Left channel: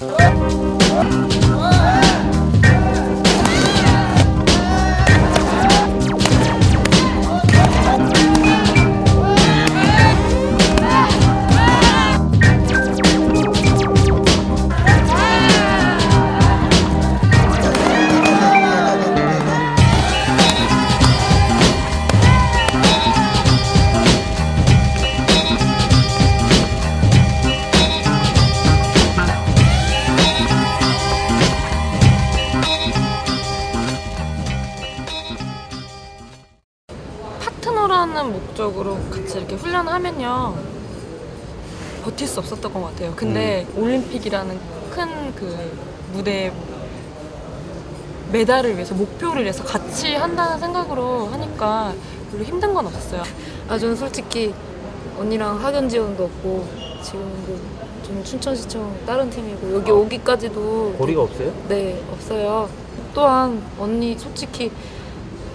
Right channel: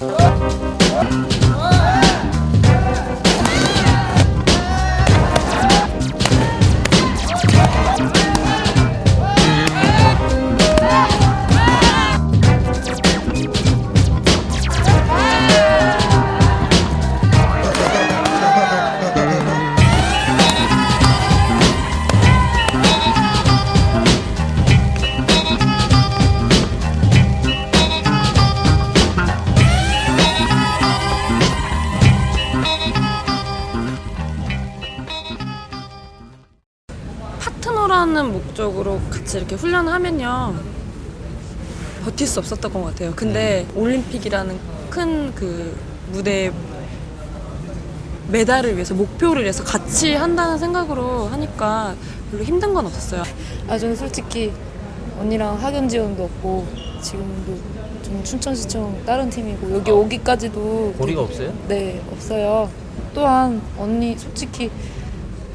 Oh! 파트너라는 목적으로 같이 이렇게 훈련을 하면요 버틸 수 없었던 것 같아요. 근데 올림픽이라는 큰 그 무대에 메달을 위해서 목표를 위해서 같이 한다는 생각으로 하니까 별로 힘든 건 없었어요. 아 저는 솔직히 언니랑 학연 지원도 없고 지금 좀 춘천시청 다른 팀이고 여기 오기까지도 고리가 없어요? 네 없어요. 또한 언니 솔직히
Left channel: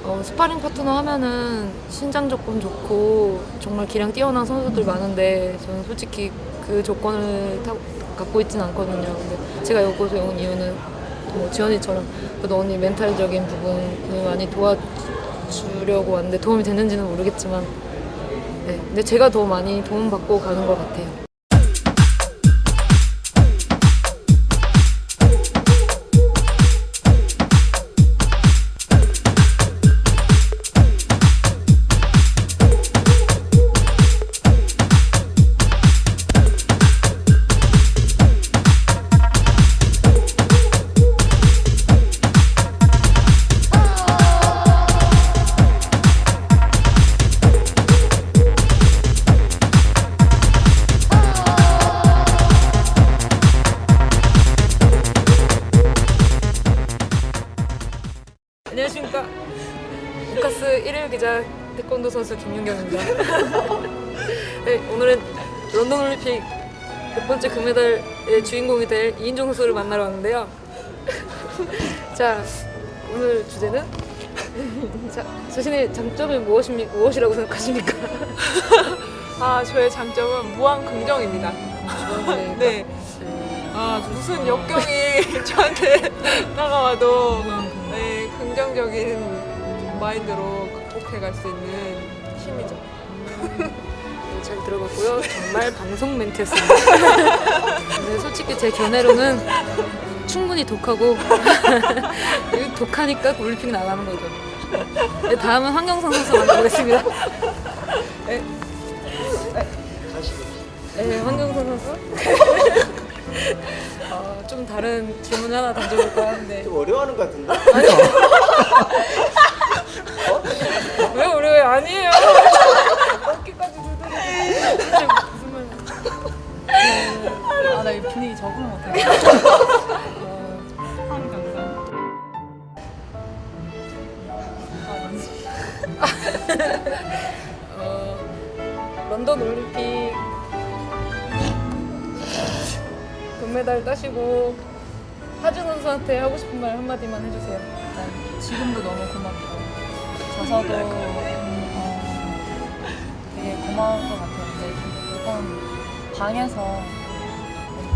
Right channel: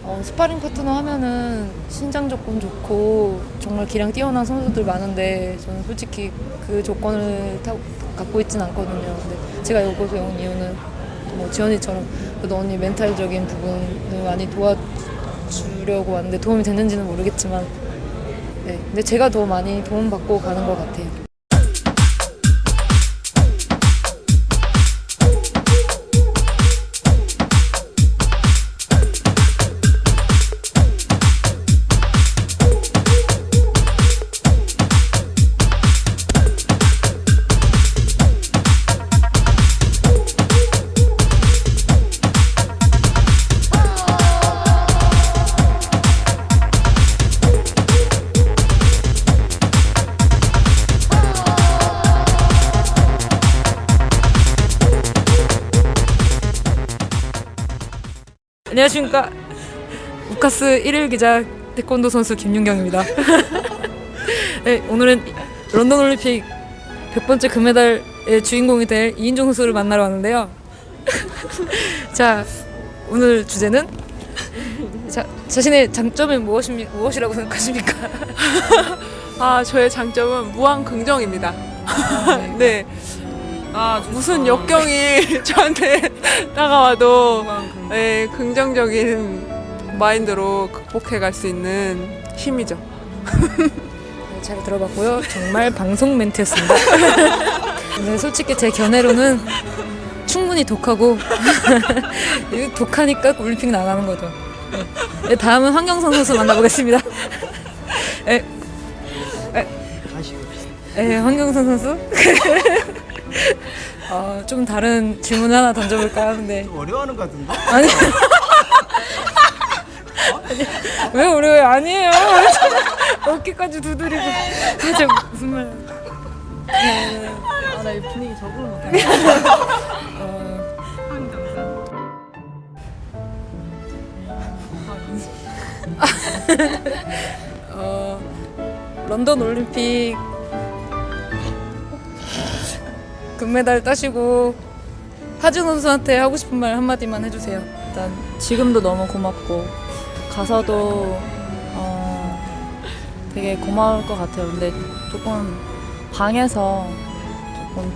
어, 스파링 파트너 하면은 신장 조건 좋고 정말 기량 뛰어난 선수들 많은데 저는 솔직히 그 조건을 타, 갖고 있진 않거든요. 근데 제가 여기서 온 이유는 뭐 지연이처럼 그래도 언니 멘탈적인 부분을 많이 도와주려고 왔는데 도움이 됐는지는 모르겠지만 네, 근데 제가 더 많이 도움받고 가는 것 같아요. 안녕하십니까 우카스 1일 기자 태권도 선수 김윤경입니다. 네, 오늘은 런던 올림픽 100번째 금메달의 주인공이 될 이인종 선수를 만나러 왔는데요. 자, 오늘 주제는 자, 자신의 장점이 무엇입니까? 무엇이라고 생각하십니까? 아, 저의 장점은 무한 긍정입니다. 네. 아, 무슨 역경이 저한테 다가와도 네, 긍정적인 마인드로 극복해 갈 수 있는 힘이죠. 잘 들어봤고요. 정말 방송 멘트였습니다. 근데 솔직히 제 견해로는 충분히 독하고 독하니까 올림픽 나가는 거죠. 네, 다음은 황경선 선수 만나보겠습니다. 네. 네. 네, 황경선 선수. 어, 좀 다른 질문 하나 던져볼까 하는데 어려워하는 것 같은데? 아니 왜 어려워요? 아니에요. 어깨까지 두드리고 대체 무슨 말이야? 아나 이 분위기 적응 못해. 어, 런던 올림픽 금메달 따시고 하준 선수한테 하고 싶은 말 한마디만 해주세요. 일단 지금도 너무 고맙고 가서도 어, 되게 고마울 것 같아요. 근데 조금 방에서 너무,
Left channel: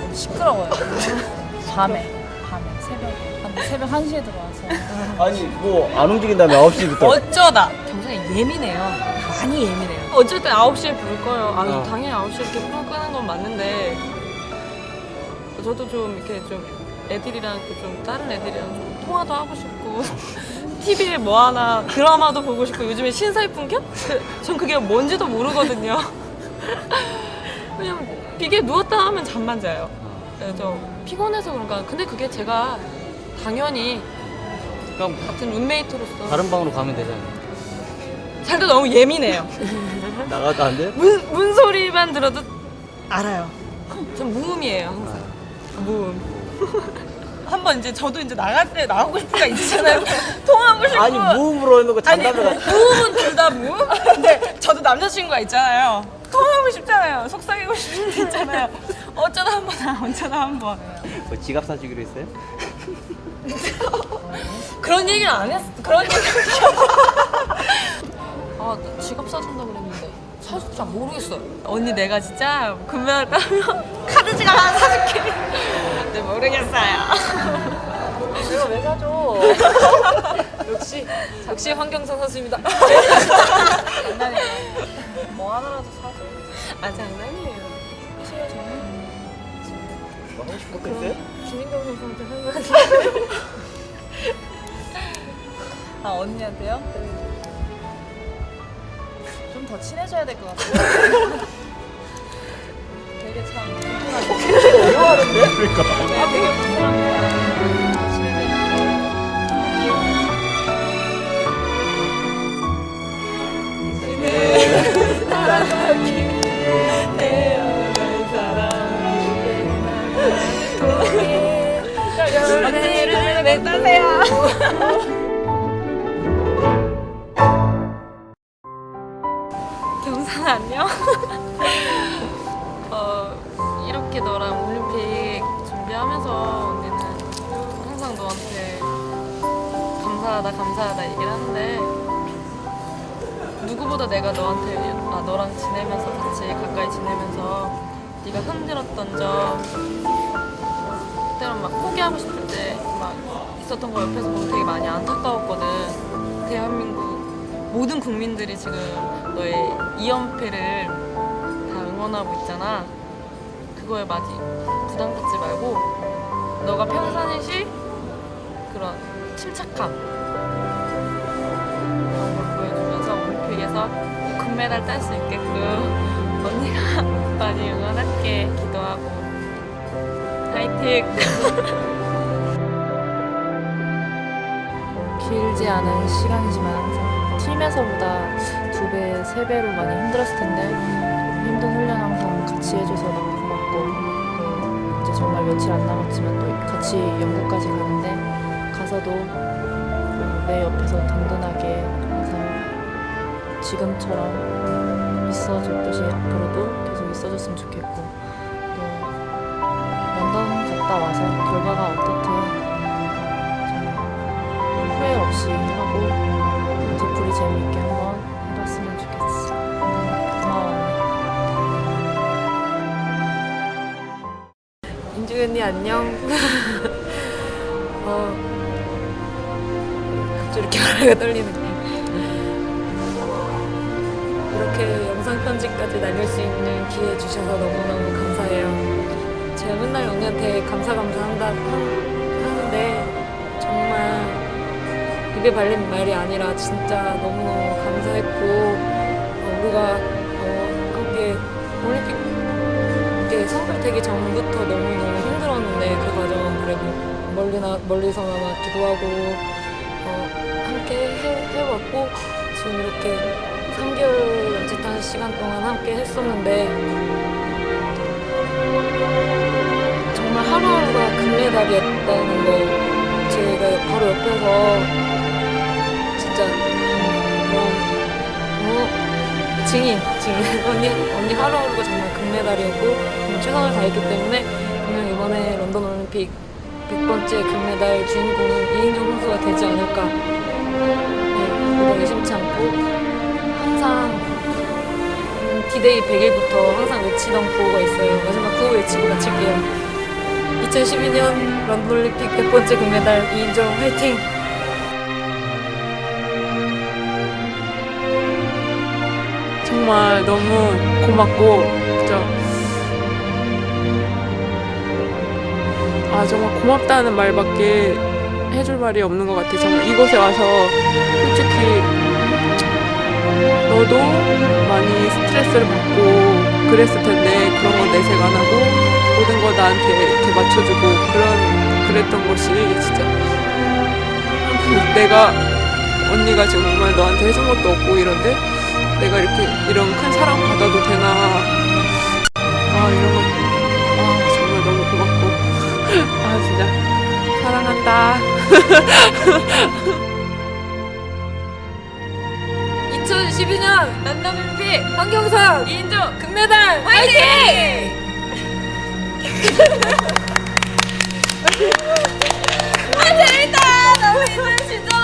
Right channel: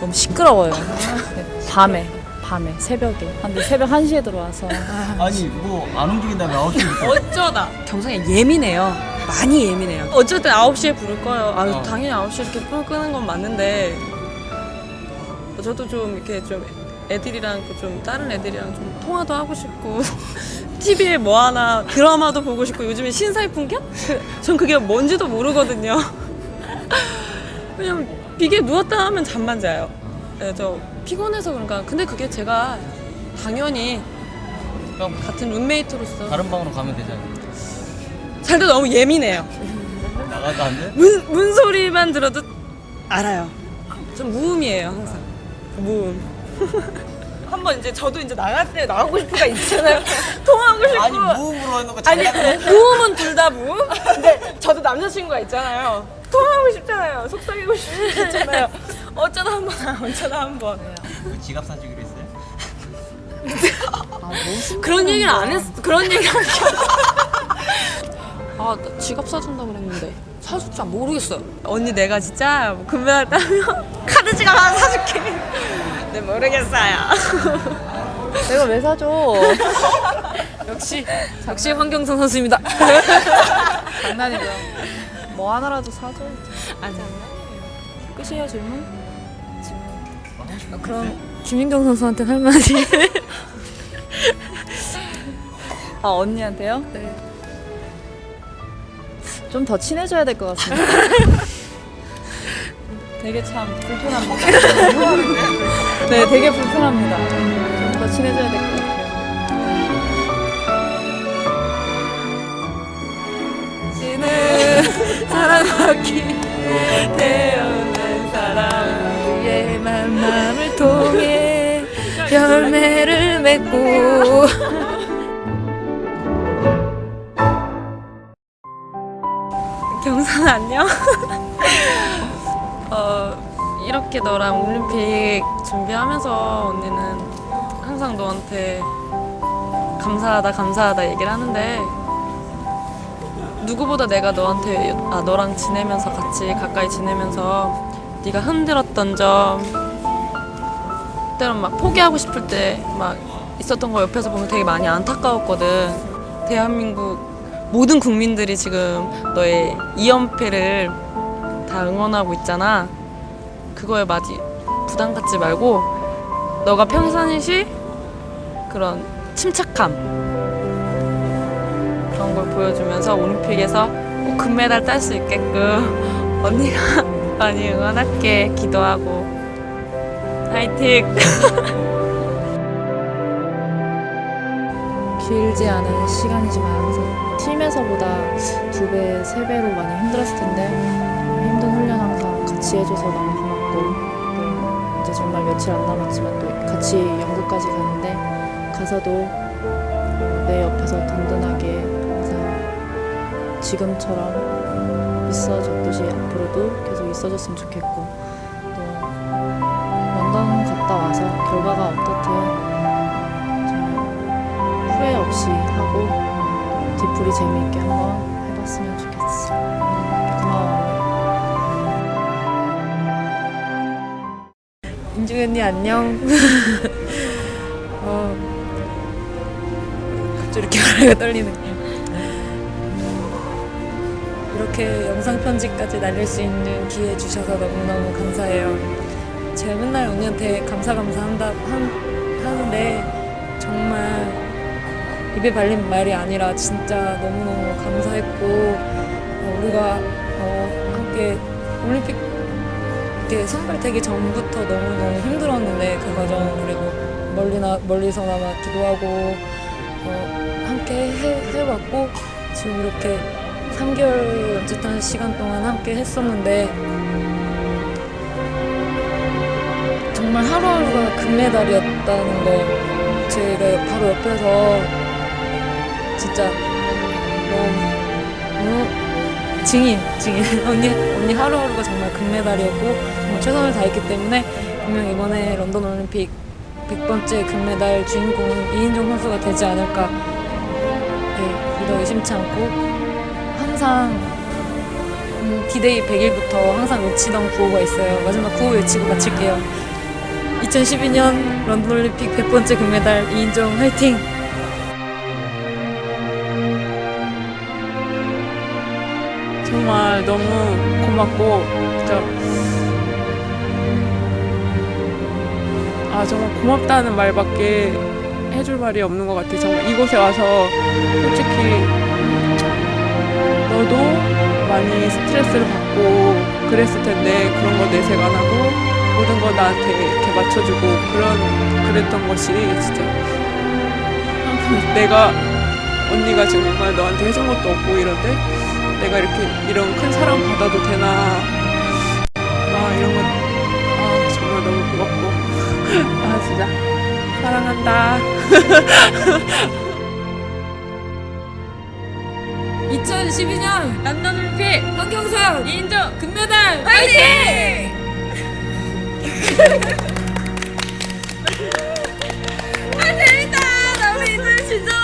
너무 시끄러워요. 네, 밤에 밤에 새벽에 근데 새벽 1시에 들어와서 아니 뭐 안 움직인다며 9시부터 어쩌다 경성이 예민해요. 많이 예민해요. 어쨌든 9시에 부를 거예요. 아, 응. 당연히 9시에 이렇게 불 끄는 건 맞는데 저도 좀 이렇게 좀 애들이랑 좀 다른 애들이랑 좀 통화도 하고 싶고 TV에 뭐 하나 드라마도 보고 싶고 요즘에 신사의 풍경? 그, 전 그게 뭔지도 모르거든요. 그냥 비계 누웠다 하면 잠만 자요. 네, 저 피곤해서 그런가. 근데 그게 제가 당연히 그럼 같은 룸메이트로서 다른 방으로 가면 되잖아. 근데 너무 예민해요. 나가도 안 돼? 문, 문 소리만 들어도 알아요. 전 무음이에요, 항상. 무음. 한번 이제 저도 이제 나갈 때 나가고 싶은 거 있잖아요. 통하고 싶고. 아니 무음으로 해놓고 아니, 장난을 해 무음은 둘다 무음? 근데 저도 남자친구가 있잖아요. 통하고 싶잖아요. 속삭이고 싶잖아요. 어쩌다 한 번, 어쩌다 한 번. 뭐 지갑 사주기로 했어요? 그런 얘기를 안 했어. 그런 얘기. 아, 나 지갑 사준다 그랬는데 사줄 줄 모르겠어요. 언니 내가 진짜 금메달따면 카드지가 하나 사줄게. 네 모르겠어요. 내가 왜 사줘? 역시 역시 황경선 선수입니다. 장난이에요. 뭐 하나라도 사줘. 아 장난이에요. 끝이야 질문? 그럼 김민경 선수한테 할 말이. 아 언니한테요? 네. 좀 더 친해져야 될 것 같습니다. 되게 참 불편합니다. 네, 되게 불편합니다. 좀 더 친해져야 될 것 같아요. 태어난 사람 우리의 만남을 통해 열매를 맺고 경선 안녕. 어, 이렇게 너랑 올림픽 준비하면서 언니는 항상 너한테 감사하다 감사하다 얘기를 하는데 누구보다 내가 너한테 아 너랑 지내면서 같이 가까이 지내면서 네가 힘들었던 점 때론 막 포기하고 싶을 때 막 있었던 거 옆에서 보면 되게 많이 안타까웠거든. 대한민국 모든 국민들이 지금 너의 2연패를 다 응원하고 있잖아. 그거에 많이 부담 갖지 말고 너가 평상시 그런 침착함 그런 걸 보여주면서 올림픽에서 꼭 금메달 딸 수 있게끔 언니가 많이 응원할게 기도하고 화이팅! 길지 않은 시간이지만 팀에서보다 두 배, 세 배로 많이 힘들었을 텐데 힘든 훈련 항상 같이 해줘서 너무 고맙고 이제 정말 며칠 안 남았지만 또 같이 영국까지 가는데 가서도 내 옆에서 든든하게 항상 지금처럼 있어줬듯이 앞으로도 계속 있어줬으면 좋겠고 또 런던 갔다 와서 결과가 어떻든 후회 없이 재미있게 한번 해봤으면 좋겠어. 인중 언니 안녕. 어, 갑자기 이렇게 말하기가 떨리네. 이렇게 영상 편지까지 날릴 수 있는 기회 주셔서 너무너무 감사해요. 입에 발린 말이 아니라 진짜 너무 감사했고 어, 우리가 어, 함께 올림픽 이게 선발되기 전부터 너무너무 힘들었는데 그 과정 그래도 멀리나 멀리서나마 기도하고 어, 함께 해, 해왔고 지금 이렇게 3개월 남짓한 시간 동안 함께 했었는데 정말 하루하루가 금메달이었다는 걸 제가 바로 옆에서 증인, 증인. 언니, 언니 하루하루가 정말 금메달이었고 최선을 다했기 때문에 분명 이번에 런던 올림픽 100번째 금메달 주인공은 이인종 선수가 되지 않을까. 네, 오늘 의심치 않고 항상 디데이 100일부터 항상 외치던 구호가 있어요. 마지막 구호 외치고 마칠게요. 2012년 런던 올림픽 100번째 금메달 이인종 화이팅! 정말 너무 고맙고 진짜 아 정말 고맙다는 말밖에 해줄 말이 없는 것 같아. 정말 이곳에 와서 솔직히 너도 많이 스트레스를 받고 그랬을 텐데 그런 건 내색 안 하고 모든 걸 나한테 이렇게 맞춰주고 그런 그랬던 것이 진짜 내가 언니가 지금 정말 너한테 해준 것도 없고 이런데 내가 이렇게 이런 큰 사랑 받아도 되나? 아 이런 거. 아, 정말 너무 고맙고. 아 진짜. 사랑한다. 2012년 런던 올림픽 황경선 이인종 금메달 화이팅! 아 재밌다. 너무 진짜